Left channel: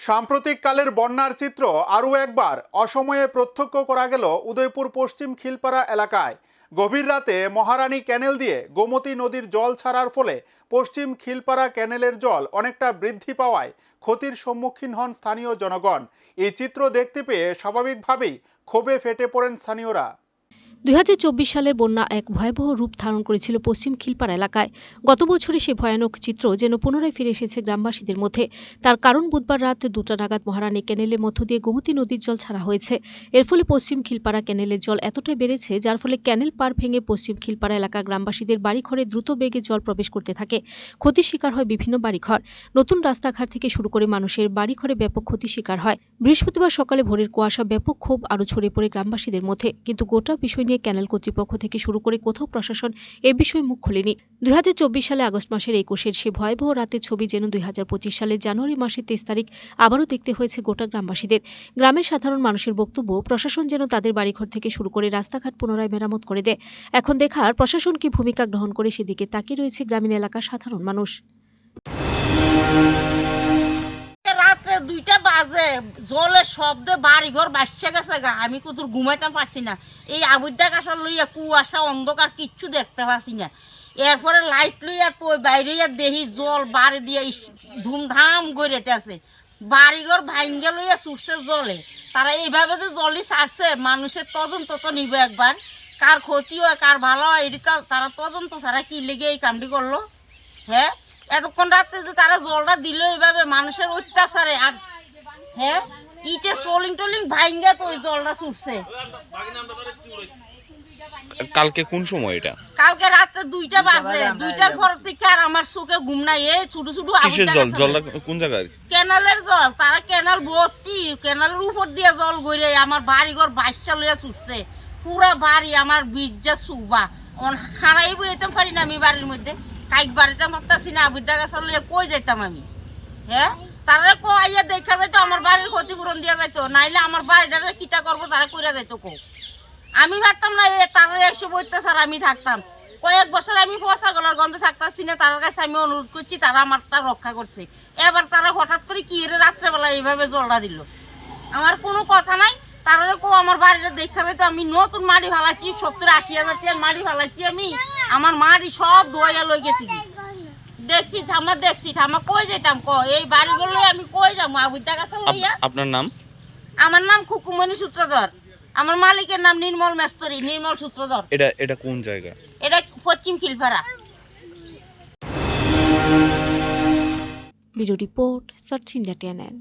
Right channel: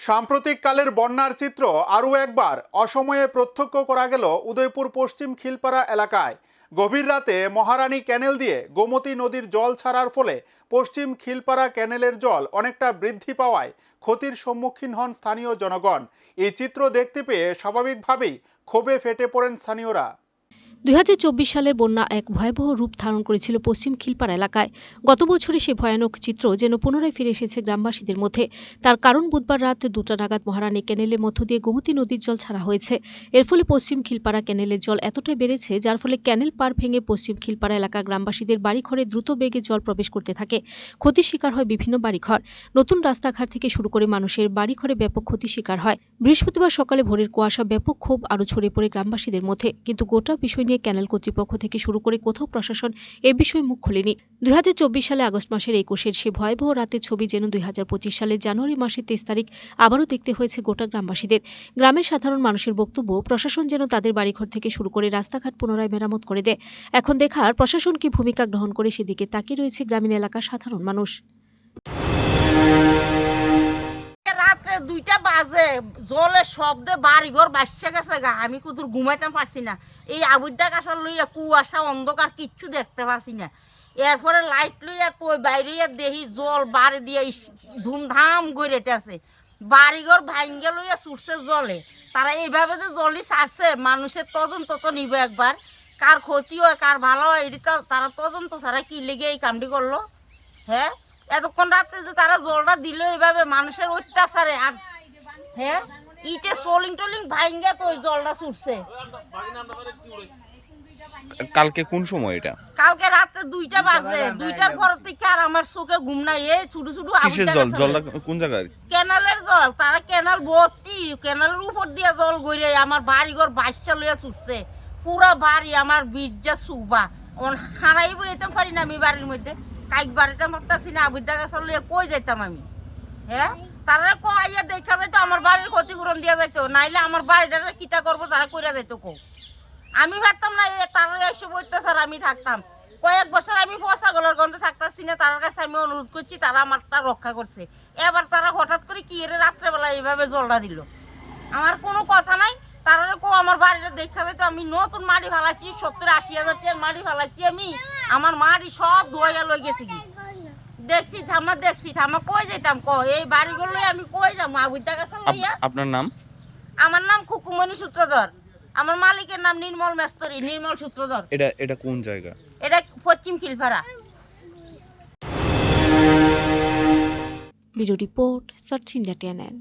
সাম্প্রতিক কালের বন্যার চিত্র আরও একবার অসময়ে প্রত্যক্ষ করা গেল উদয়পুর পশ্চিম খিলপাড়া এলাকায়। গভীর রাতে মহারানী ক্যানেল দিয়ে গোমতী নদীর জল ছাড়ার ফলে পশ্চিম খিলপাড়া ক্যানেলের জল অনেকটা বৃদ্ধি পাওয়ায় ক্ষতির সম্মুখীন হন স্থানীয় জনগণ। এই চিত্র দেখতে পেয়ে স্বাভাবিকভাবেই ক্ষোভে ফেটে পড়েন স্থানীয়রা। দুই সালের বন্যা এক ভয়াবহ রূপ ধারণ করেছিল পশ্চিম খিলপাড়া এলাকায়। গত বছরে সে ভয়ানক চিত্র যেন পুনরায় ফিরে এসেছে গ্রামবাসীদের মধ্যে। তার কারণ বুধবার রাত দুটা নাগাদ মহারানী ক্যানেলের মধ্য দিয়ে গোমতী নদীর জল ছাড়া হয়েছে। এর ফলে পশ্চিম খিলপাড়া ক্যানেলের জল এতটাই বেড়েছে, যার ফলে ক্যানেল পার ভেঙে পশ্চিম খিলপাড়া এলাকার গ্রামবাসীদের বাড়িঘরে দ্রুত বেগে জল প্রবেশ করতে থাকে। ক্ষতির শিকার হয় বিভিন্ন বাড়িঘর। নতুন রাস্তাঘাট থেকে শুরু করে মানুষের বাড়িঘরে ব্যাপক ক্ষতির শিকার হয়। বৃহস্পতিবার সকালে ভোরের কুয়াশা ব্যাপক ক্ষোভ আরও ছড়িয়ে পড়ে গ্রামবাসীদের মধ্যে। কিন্তু গোটা বিষয় নিয়ে ক্যানেল কর্তৃপক্ষ থেকে শুরু করে কোথাও প্রশাসন এ বিষয়ে মুখ খোলেনি। দুই হাজার চব্বিশ সালে আগস্ট মাসের একুশের সে ভয়াবহ রাতের ছবি যেন দুই সালের জানুয়ারি মাসের তেইশ তারিখ আবারও দেখতে হয়েছে গোটা গ্রামবাসীদের। গ্রামের সাধারণ মানুষের বক্তব্য, প্রশাসন যেন তাদের বাড়িঘর থেকে শুরু করে রাস্তাঘাট পুনরায় মেরামত করে দেয়। এখন দেখার প্রশাসন কি ভূমিকা গ্রহণ করে সেদিকে তাকিয়ে রয়েছে গ্রামীণ এলাকার সাধারণ মানুষ। বাজে জলের শব্দে বাড়িঘর বাসছে গেছে গা। আমি কুতুর ঘুমাইতে পারছি না। এই আবুদ্দা গাছের লইয়া কুয়াশা, অন্ধকার কিচ্ছু দেখতে পাচ্ছি না। এরপরে লাইট লইয়া তো বাইরে দেখি জল বাড়ি দিয়ে ধুমধাম গড়েতেছে বাড়িঘর ভাঙ্গে লইয়া চুষছে জলে। তারা এইভাবে যে জলই ছাড়ছে, মানুষের তদন্ত তো নিব একবার। কার ক্ষতি হয়, কার ভালো হয় এটা তারা তদন্ত ছাড়া কি লেগে এই কামটি করল? হ্যাঁ? এতক্ষণ রাত্রে যে তারা জলটা দিল এইভাবে মানুষের অত্যাচারে, আর হ্যাঁ? ইটে সোলিং টোলিং ভাঙ্গে তো ওই জলটা ছুটছে। কালকে কোন সময় এটা? কালকে রাত্রে দুইটা বাজে। দুইটার পর থেকে আর আমার চোখে ঘুম নাই। এই ছোট ছোট কিসের জল? জলটা কোন জায়গায় কেনালের জল। তারা কেনাল ভর্তি। কেনালের উপর দিয়ে জল গড়ে আমার বাড়ি ঘর বাচ্চা লইয়া ছুটছে। পুরা বাড়ি আমার বীর্যা সুবা অন হারাইব যেতাম পারি না আমি বাড়ির মধ্যে। কাইক বাড়িতে পারতাছি না আবুদ্দা গাছের লইয়া কই যেতাম আমি? হ্যাঁ? তারা কো আইয়া দেখা যাইতো, আমার বাড়ির ক্ষতিপূরণ দিয়া যাইতো, নাইলে আমার বাড়িটা কিতা করব, তারা কইরা যাইতো কো আমি ভাবতাম না তারা একশো অত্যাচার আমি থাকতাম। কয়েক বছর আমি পচা গলার গন্ধে থাকতাছি না, তার কাছে আমি অনুরোধ করছি, তারা আমারটা রক্ষা করছে। এবার তারা হঠাৎ করে কি এর রাত্রেবেলা এইভাবে জলটা দিল? আমার কোনো কথা নাই, তারা কো আমার বাড়িটা দেখা যেত আমি নতুন মাটি ফালাইছি, সত্তর আশি হাজার টাকার মাটি ফালাইছি আমি, আমার মাটি সব ধোয়া লই গেছি দেখছি থামা দেখছি থামা কই যেতাম ক এই বাড়িগুলো আমি কই যাব? আবুদ্দা কাছে লইয়া? আপনার নাম? আমার নাম খুকুমণি সূত্রধর। আমার মালিকের নাম নির্মল মেস্তরি নির্মল সূত্রধর। এটা এটা কোন জায়গা? এটা পশ্চিম Khilpara video report search India TNN